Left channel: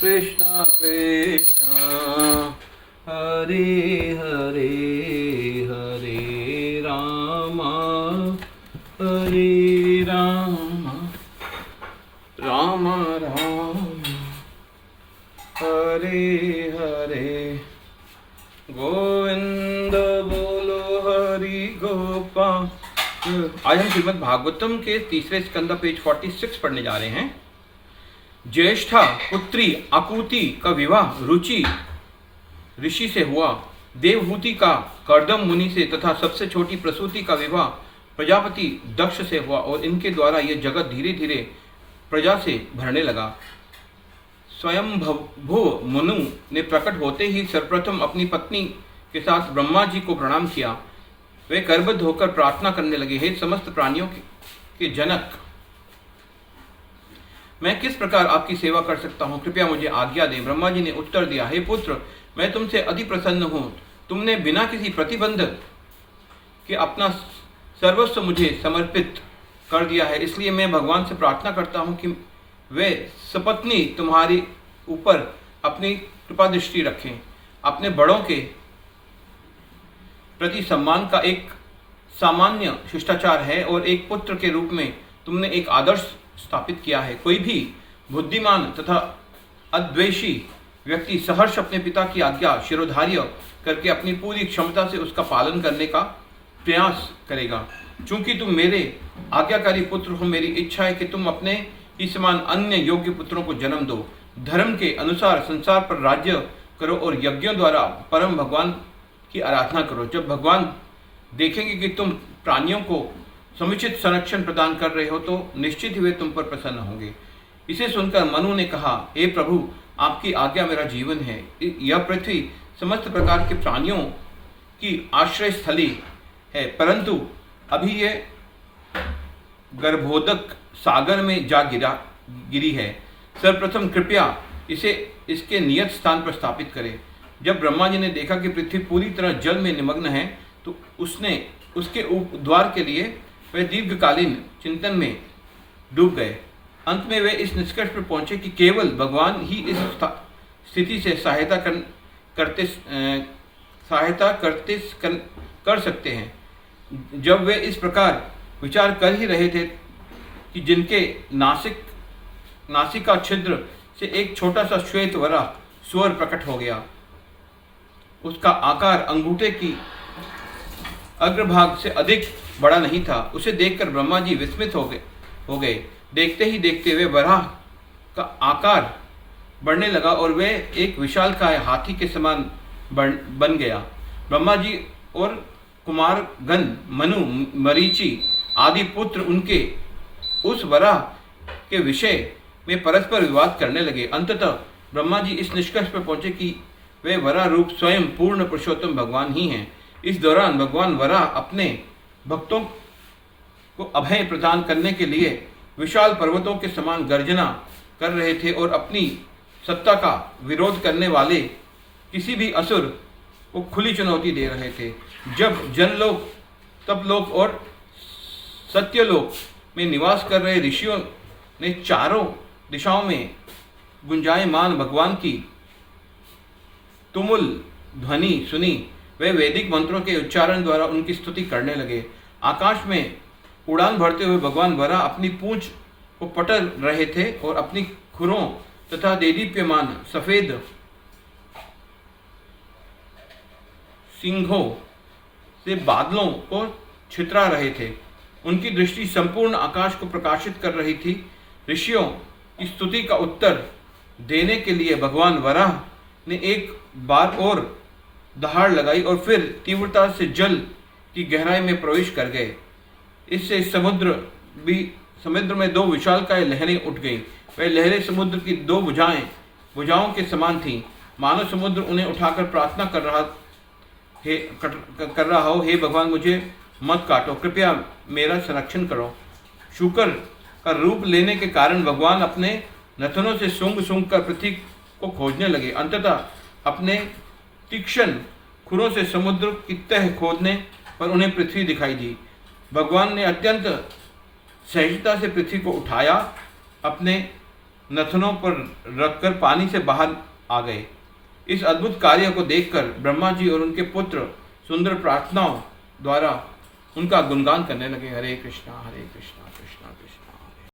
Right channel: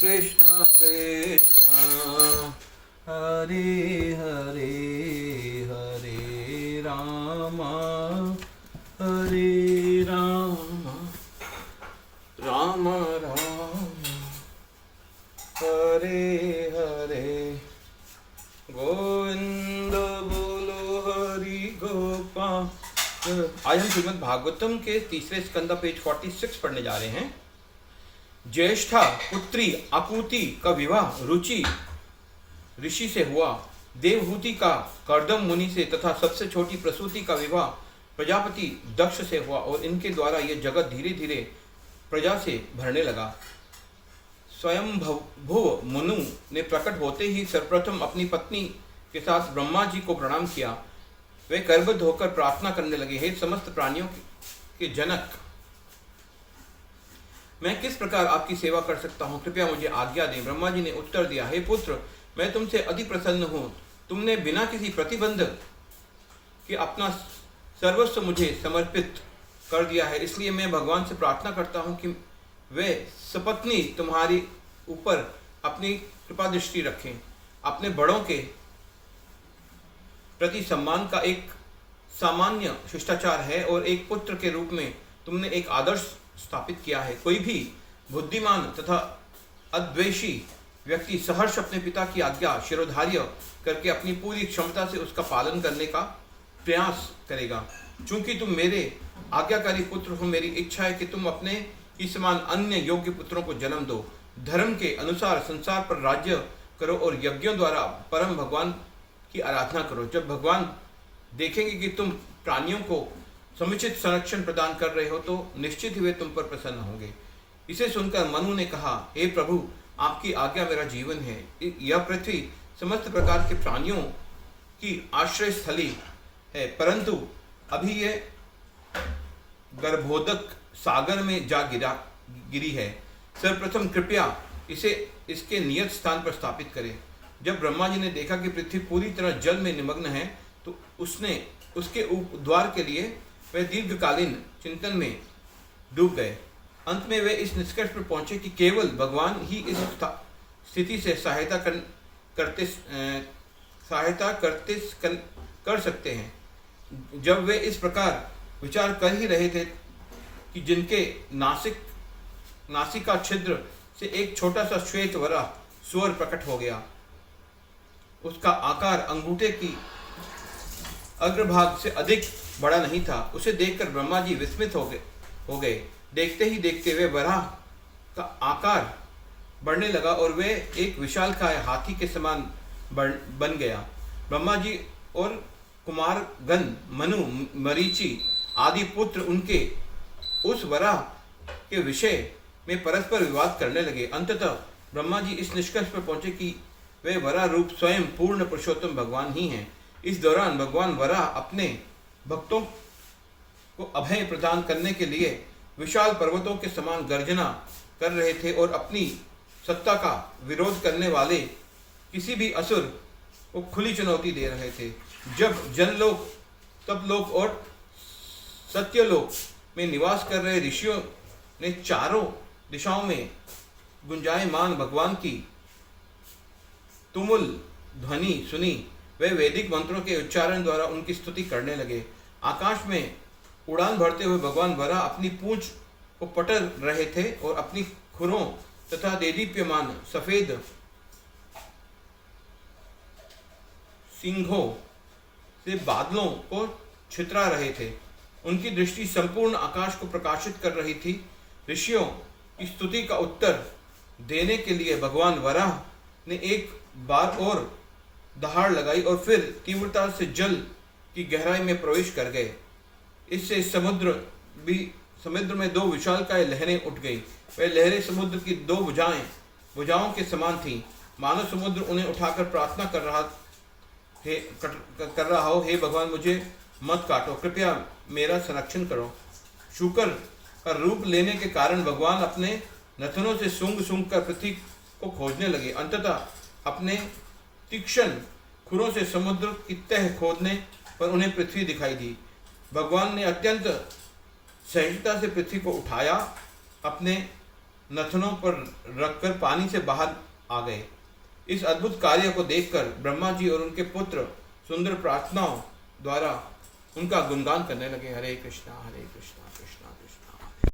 कृष्ण कृष्ण हरे हरे हरे राम हरे राम राम राम हरे हरे गोविंद बोलो हरि गोपाल। आज हम श्रीमद् भागवतम के तीसरे स्कंद पेज 46 पढ़ने जा रहे हैं। ज्येष्ठा पुत्री आकुति का विवाह रुचि ऋषि से हुआ। देवहूति का कर्दम मुनि से तथा सबसे छोटी प्रसूति का विवाह प्रजापति दक्ष से हुआ और इनके द्वारा यह जगत धीरे धीरे प्रजा से भरने लगा। स्वयंभुव मनु ने प्रकट होते ही सर्वप्रथम अपनी पत्नी के साथ ब्रह्मा जी को प्रणाम किया। वे करबद्ध होकर प्रार्थना करने लगे, हे समस्त प्राणियों के जनक, मैं किस प्रकार आपकी सेवा कर सकता हूँ, कृपया मुझे आज्ञा दें। ब्रह्मा जी ने उत्तर दिया, हे पुत्र, मैं तुमसे अति प्रसन्न हूँ। तुमने बिना किसी प्रतिबंध के अपना सर्वस्व मुझे समर्पित कर दिया है, इसलिए मैं भगवान से प्रार्थना करता हूँ कि वे सपत्नी तुम्हारी ऊपर अपनी कृपा दृष्टि रखें। अपने बड़ों के प्रति सम्मान का एक सामान्य शिष्टाचार है और एक पुत्र के रूप में तुमने एक आदर्श स्थापित किया है। कोई भी बुद्धिमान तथा अद्वेषी व्यक्ति सहर्ष अपने पिता की आज्ञा शिरोधार्य करके अपनी पूरी क्षमता से उसका पालन करने का प्रयास करेगा। चूंकि तुम मेरे आज्ञाकारी पुत्र हो, मेरी इच्छा है कि तुम अपने ही समान अन्य योग्य पुत्रों को जन्म दो। धर्म के अनुसार संसार पर राज्य करो और यज्ञों द्वारा परम भगवान की आराधना करो। जब भगवान देखेंगे कि तुम प्राणियों को समुचित संरक्षण प्रदान कर रहे हो तो निश्चित ही वे तुम पर प्रसन्न होंगे। इसे सुनकर मनु ने कहा, हे प्रभु, आपकी आज्ञा मेरा जीवन है। यह पृथ्वी समस्त प्रकार के प्राणियों की आश्रय स्थली है, परंतु अभी ये गर्भोदक सागर में जा गिरी है। सर्वप्रथम कृपया इसे इसके नियत स्थान पर स्थापित करें। जब ब्रह्मा जी ने देखा कि पृथ्वी पूरी तरह जल में निमग्न है तो उसने उसके द्वार के लिए वे दीर्घकालीन चिंतन में डूब गए। अंत में वे इस निष्कर्ष पर पहुंचे कि केवल भगवान ही इस स्थिति से सहायता कर सकते हैं। जब वे इस प्रकार विचार कर ही रहे थे कि जिनके नासिका छिद्र से एक छोटा सा श्वेत वराह स्वर प्रकट हो गया। उसका आकार अंगूठे की अग्रभाग से अधिक बड़ा नहीं था। उसे देखकर ब्रह्मा जी विस्मित हो गए। देखते ही देखते वे वराह का आकार बढ़ने लगा और वे एक विशालकाय हाथी के समान बन गया। ब्रह्मा जी और कुमारगण मनु, मरीचि आदि पुत्र उनके उस वराह के विषय में परस्पर विवाद करने लगे। अंततः ब्रह्मा जी इस निष्कर्ष पर पहुंचे कि वे वराह रूप स्वयं पूर्ण पुरुषोत्तम भगवान ही हैं। इस दौरान भगवान वराह अपने भक्तों को अभय प्रदान करने के लिए विशाल पर्वतों के समान गर्जना कर रहे थे और अपनी सत्ता का विरोध करने वाले किसी भी असुर को खुली चुनौती दे रहे थे। जब जनलोक, तपलोक और सत्यलोक में निवास कर रहे ऋषियों ने चारों दिशाओं में गुंजायमान भगवान की तुमुल ध्वनि सुनी, वे वैदिक मंत्रों के उच्चारण द्वारा उनकी स्तुति करने लगे। आकाश में उड़ान भरते हुए भगवान वराह अपनी पूंछ को पटक रहे थे और अपनी खुरों तथा देदीप्यमान सफेद सिंहों से बादलों को छितरा रहे थे। उनकी दृष्टि संपूर्ण आकाश को प्रकाशित कर रही थी। ऋषियों की स्तुति का उत्तर देने के लिए भगवान वराह ने एक बार और दहाड़ लगाई और फिर तीव्रता से जल की गहराई में प्रवेश कर गए। इससे समुद्र में दो विशालकाय लहरें उठ गईं। वे लहरें समुद्र की दो भुजाओं के समान थीं। मानो समुद्र उन्हें उठाकर प्रार्थना कर रहा हो, हे भगवान, मुझे मत काटो, कृपया मेरा संरक्षण करो। शुकर का रूप लेने के कारण भगवान अपने नथनों से सूंघ कर पृथ्वी को खोजने लगे। अंततः अपने तीक्ष्ण खुरों से समुद्र की तह खोदने पर उन्हें पृथ्वी दिखाई दी। भगवान ने अत्यंत सहजता से पृथ्वी को उठाया, अपने नथनों पर रखकर पानी से बाहर आ गए। इस अद्भुत कार्य को देखकर ब्रह्मा जी और उनके पुत्र सुंदर प्रार्थनाओं द्वारा उनका गुणगान करने लगे। हरे कृष्णा कृष्णा कृष्णा कृष्णा